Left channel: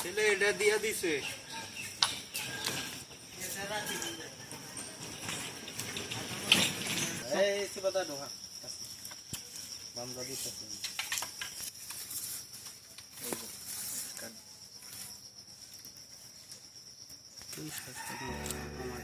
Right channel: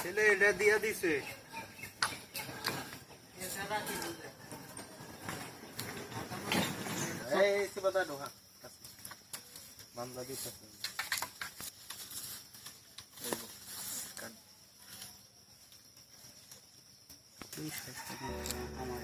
ছেলে এটা দিয়া দিছে এই সিবাদা ঢোকা বান্দা দিছে এই কাট কি সাইজটা আমার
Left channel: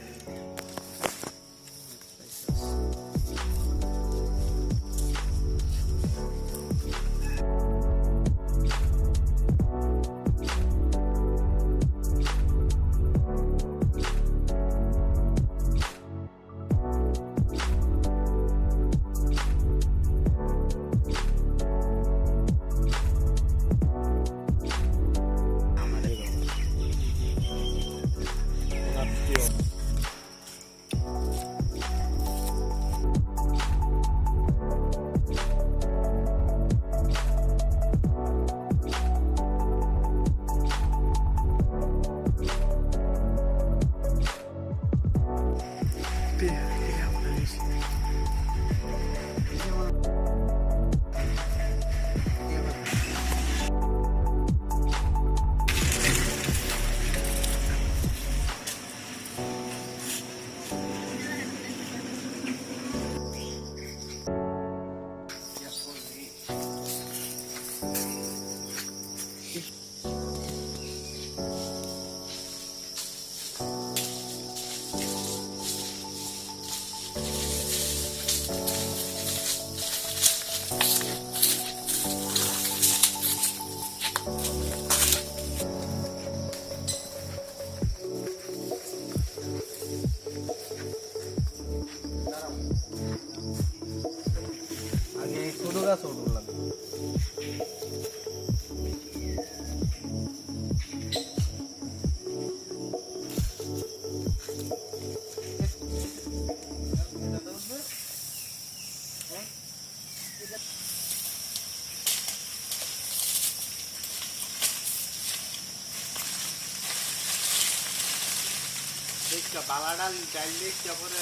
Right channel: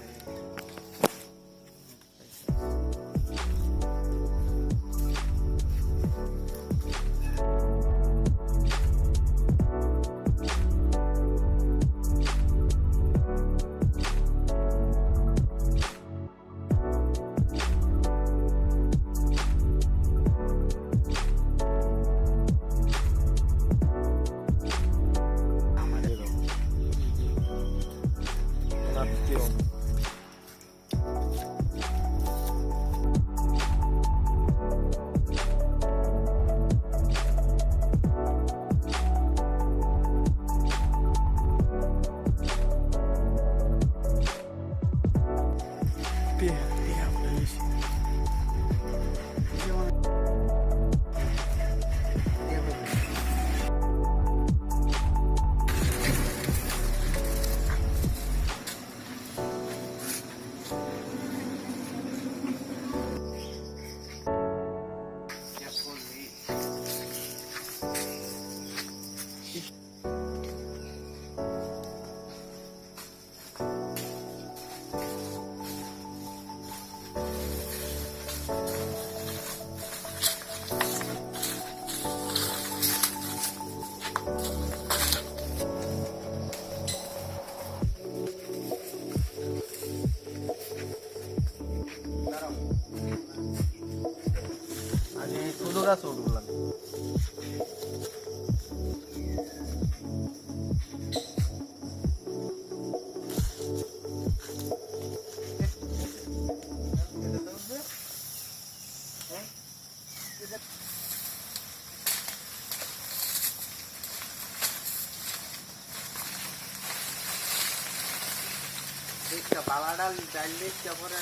দেখটা বালা ডাল ডাল দেখতে পরে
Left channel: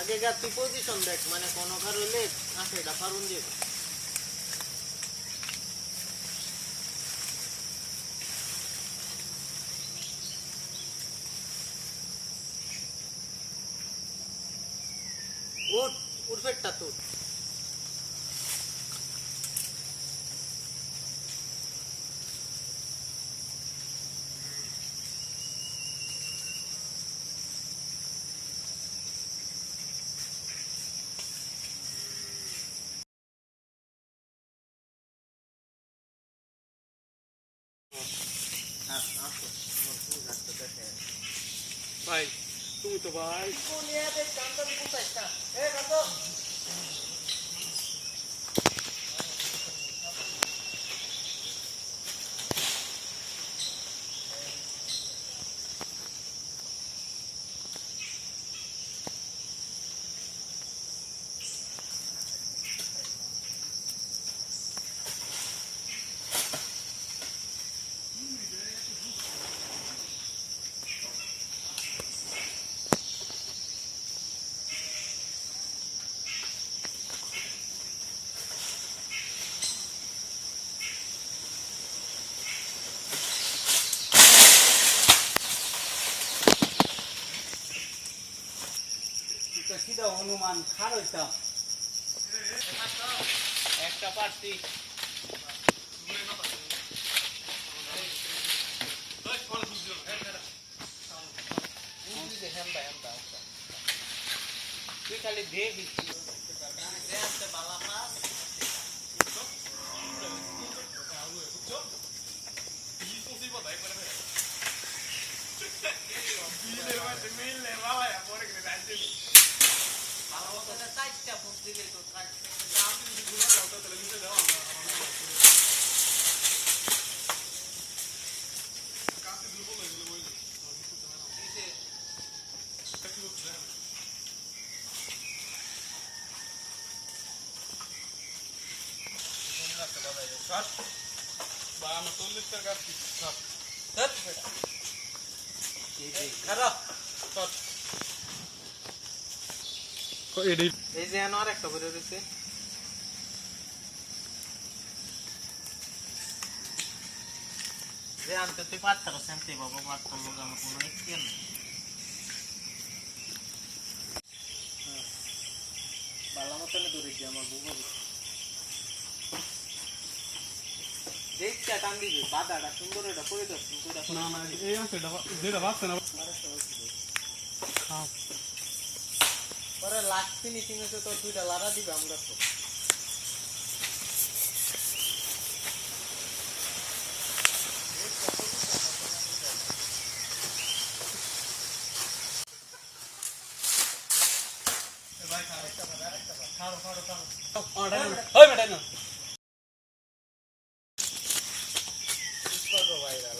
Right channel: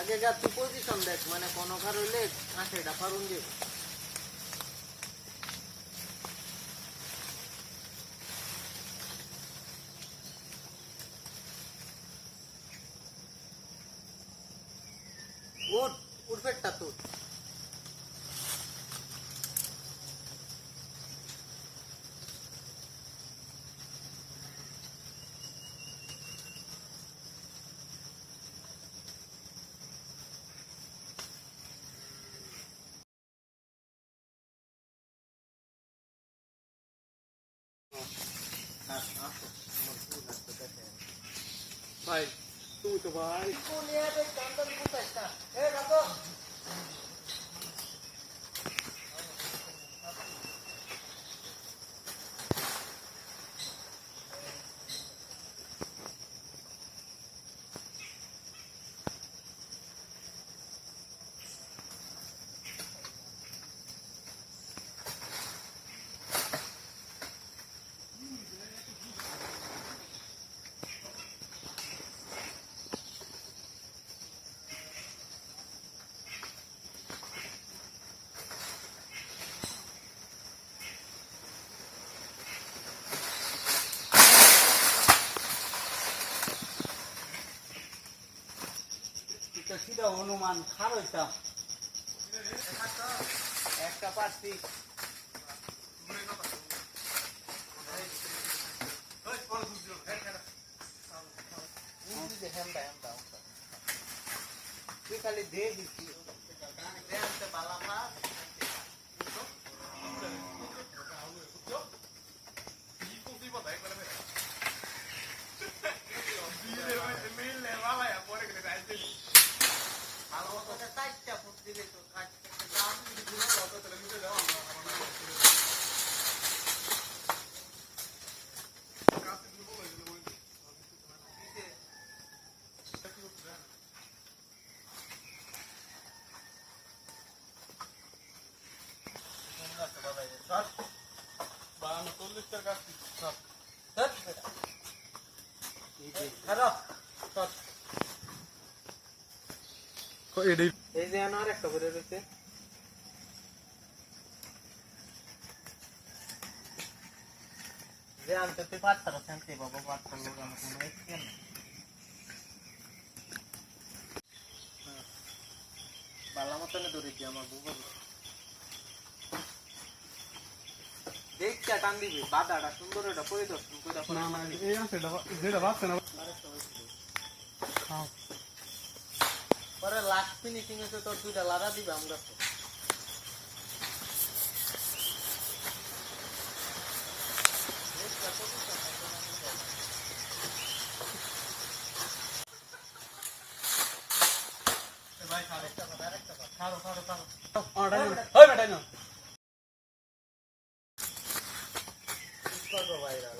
আগে যা তুই পজিশন দেখ মানে কোন কার হইলে আছেটা পারুন যে উঠ উঠবেটা তো ভাই তুই তো ভাই কোন ইয়াতে কান্দা দিছস না এ কাকো সিধা হনুমান খারইতা একটা পারছি তুই খালি দে দিচ্ছি বালা পাস চারটা ফুট দিলে তো খারাপ এই যে আর একটা করে দিয়েছে যে আনতে তুই 5% বাবা 5 লোক আমি কোনো কেন বালা মতন ধরে দি আমার বুবা দেখতে টান দিবি বাদাটা সুন্দর এটা পরিদর্শন কইরা না না এই আছে যেটা বাসছে না হ্যাঁ পরে লাস্ট ফিনিশিং এ তো তোর দুইটা লাড়া দিবে আমরা তো ভাই আরেকটা খাও অর্ডার ওই বেটা না इसको ভাইরাল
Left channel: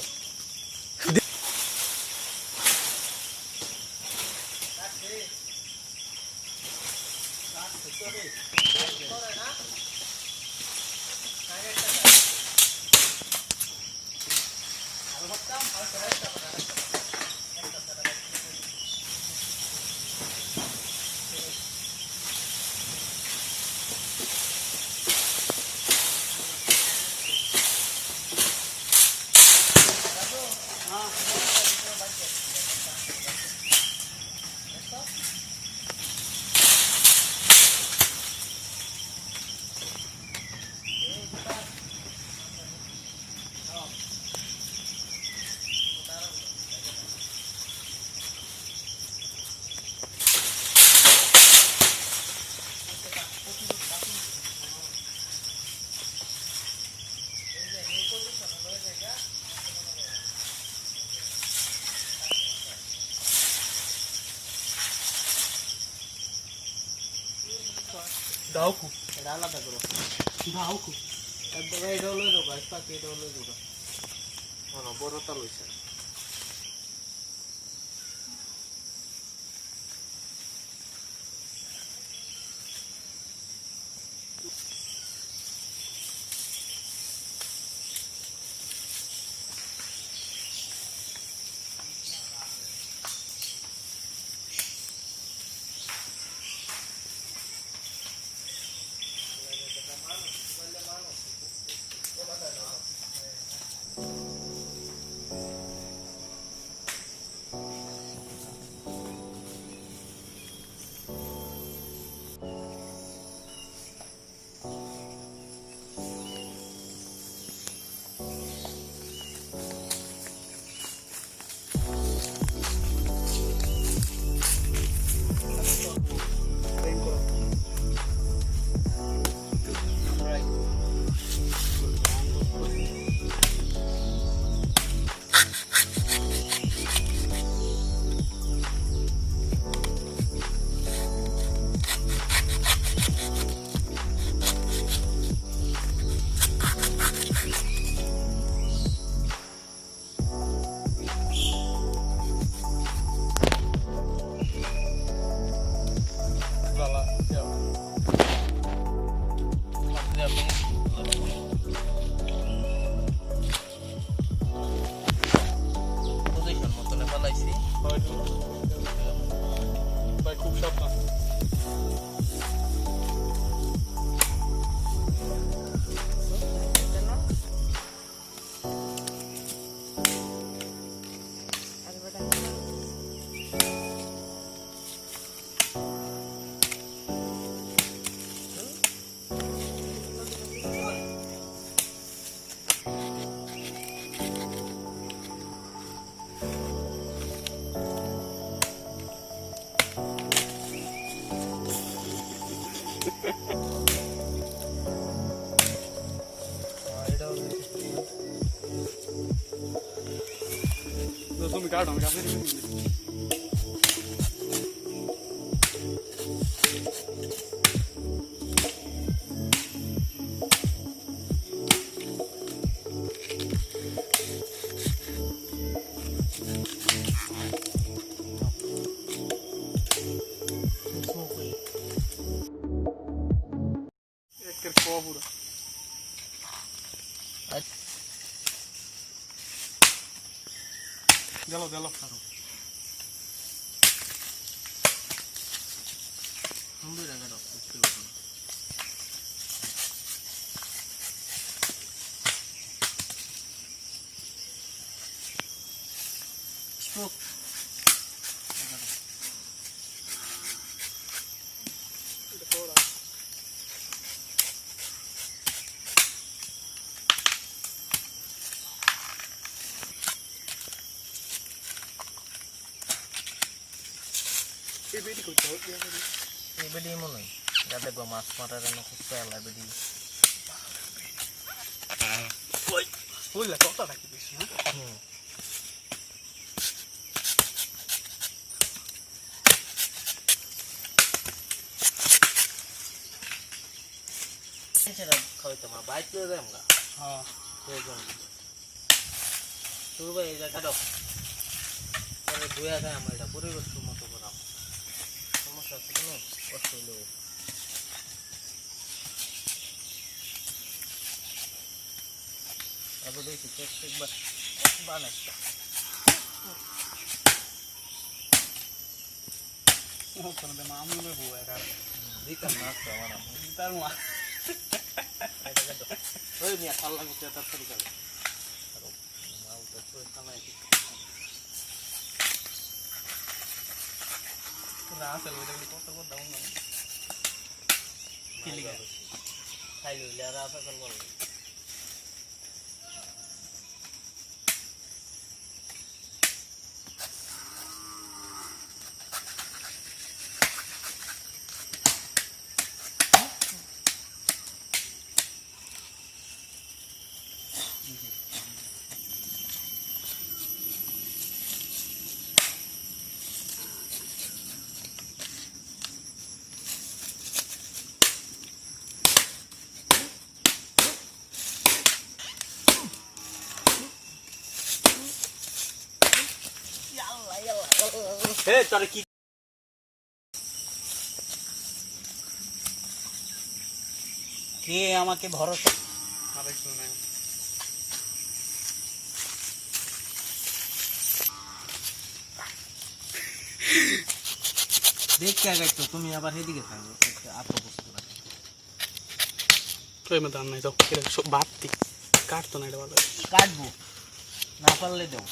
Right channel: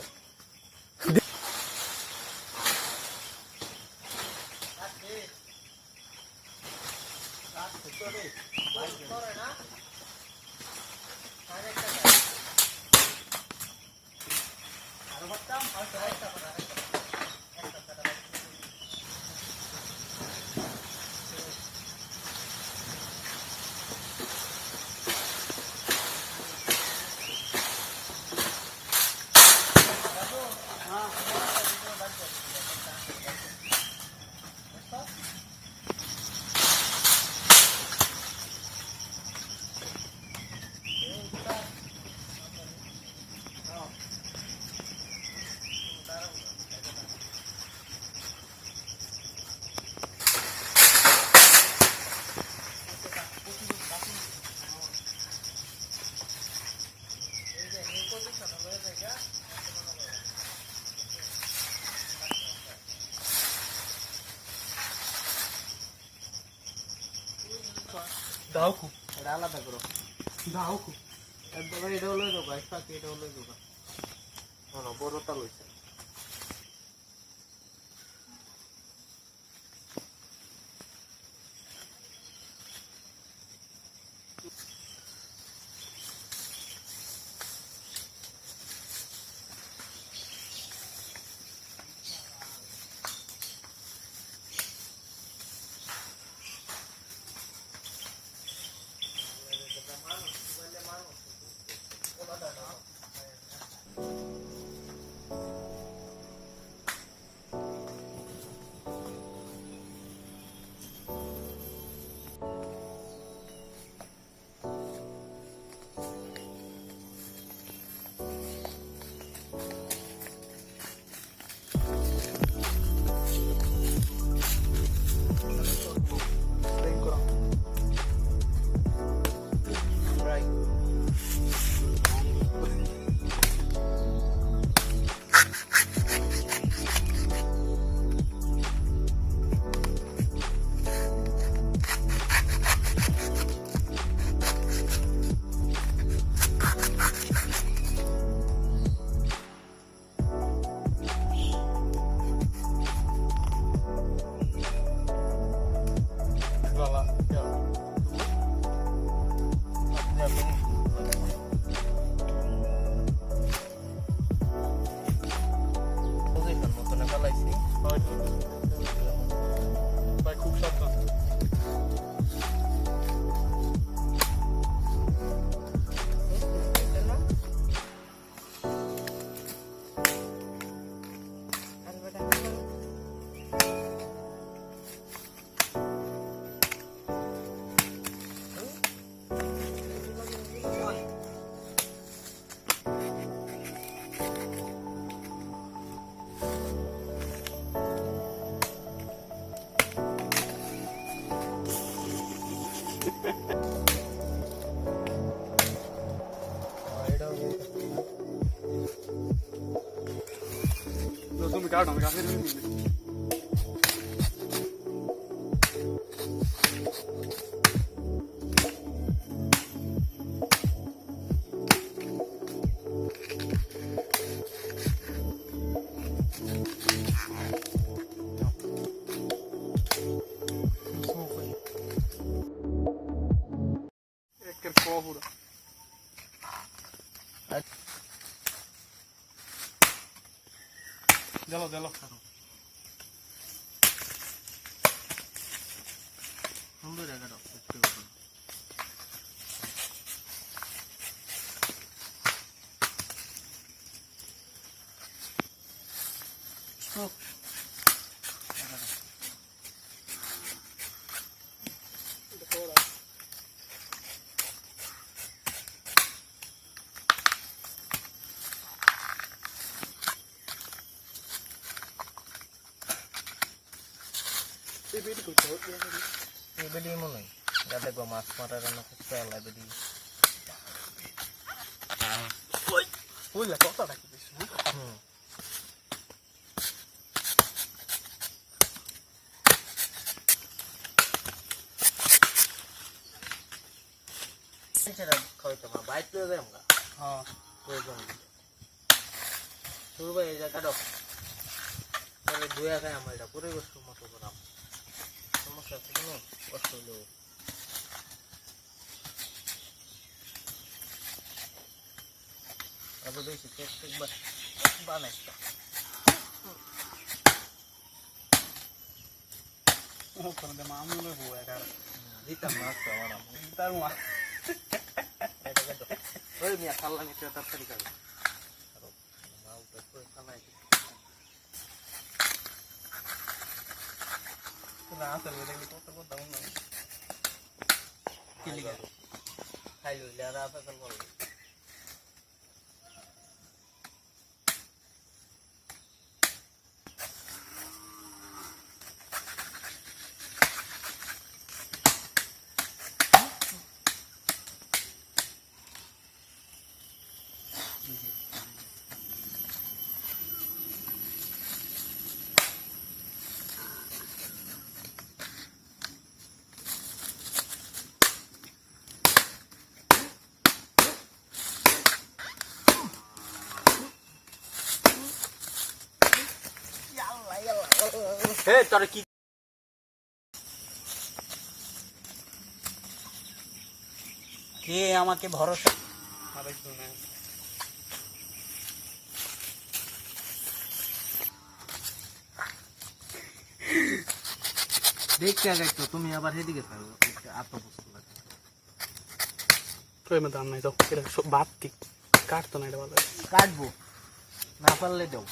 দাও কো এটা আলাদা করো দাও কো একদম এটা হলো দাও গাইস পাকে এটা হলো দাও না বড়টা লইছে খুব সাবধান তুমি কাটো আমি কাছে Dalo, dalo. সুন্দর জায়গাটা একটু স্ট্রোক এবারে মনে হয় যাতে গো মাছ মারার রান্না করতে আলাদা এবারে ওই ফুল কত রাখি দিস হ্যাঁ সেটা খাইতে মা বাইতে দেয় আমরা হ্যাঁ প্রয়োজন শুরু ভাই এই জায়গাটা তাহলে দুই আগে আমরা এটা পরিবেশ মতো করাম সমস্যা আছে কোনো কষ্ট হলেও আগে দেখি একবার বানাইটা মামুনের বউ একার দিতাম না তো আমার তার মা ওই মিয়া খাল্লা মিটে তাড়াতাড়ি খাবে আর মাল তো পয়সা নাই না আসলে ওইটা কত কত দাম না কি লিখা খাইলো ইলারা আপেল বল তোর কি কে আমাকে ভরসা দেখতে আগে তুমি আবার এদিকে থাকো আত্মপ্রস্তুত নাই তো বাড়তি কাটতো না এটা ভালো কাটবো না পারলে দেও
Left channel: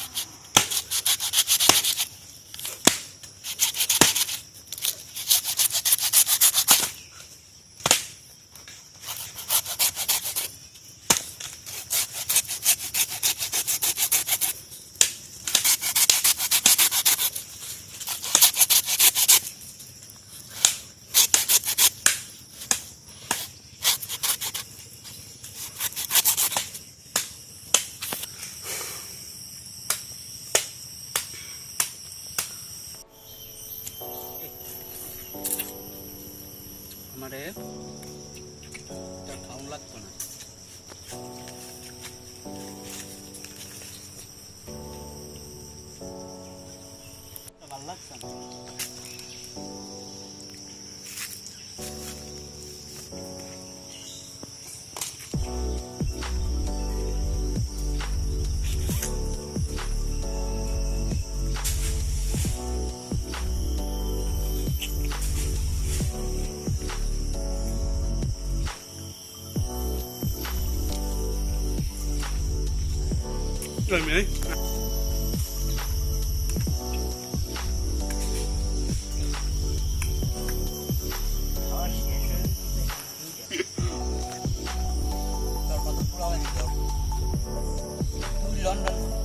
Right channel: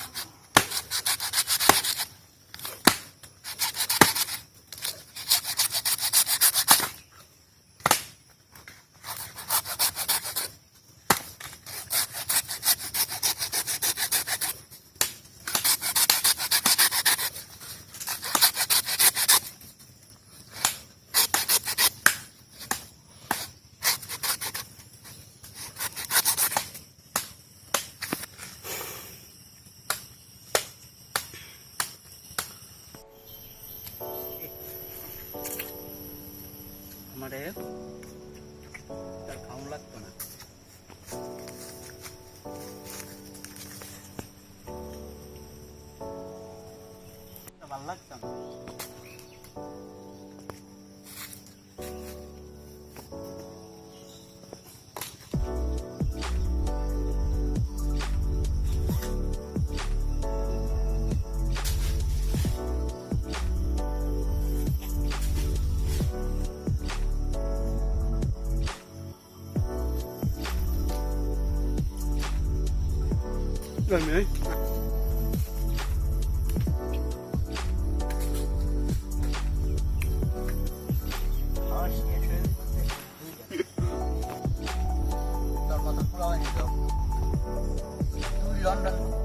আমারে তার খাওন লাগতো না ভালো লাগছে না Rồi mày London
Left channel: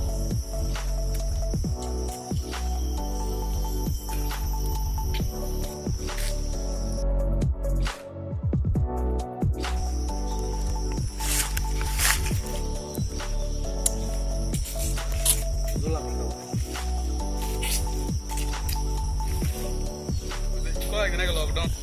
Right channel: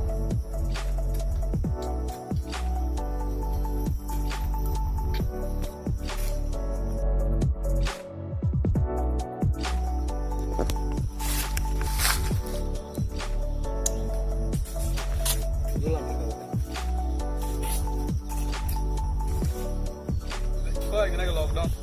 lockdown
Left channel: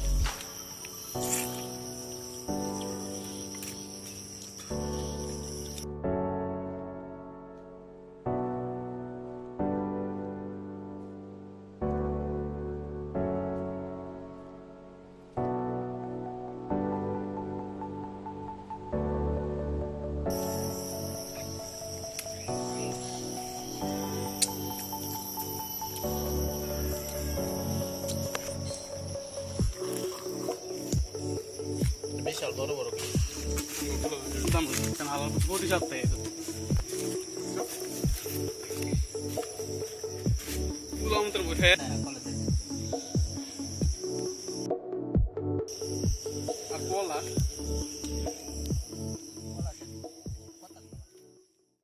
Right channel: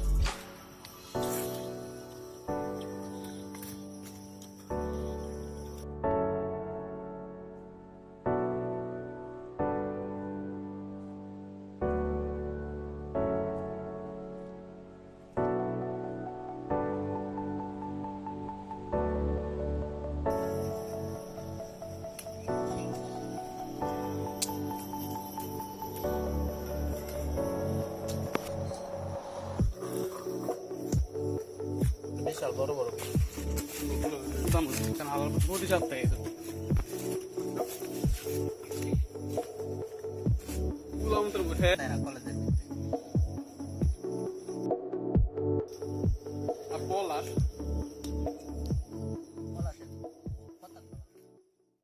বিশাল বড় বড় দাম কেন আবার 47 টাকা এগুলো আমাদের বসে কলেজে আর পলাশ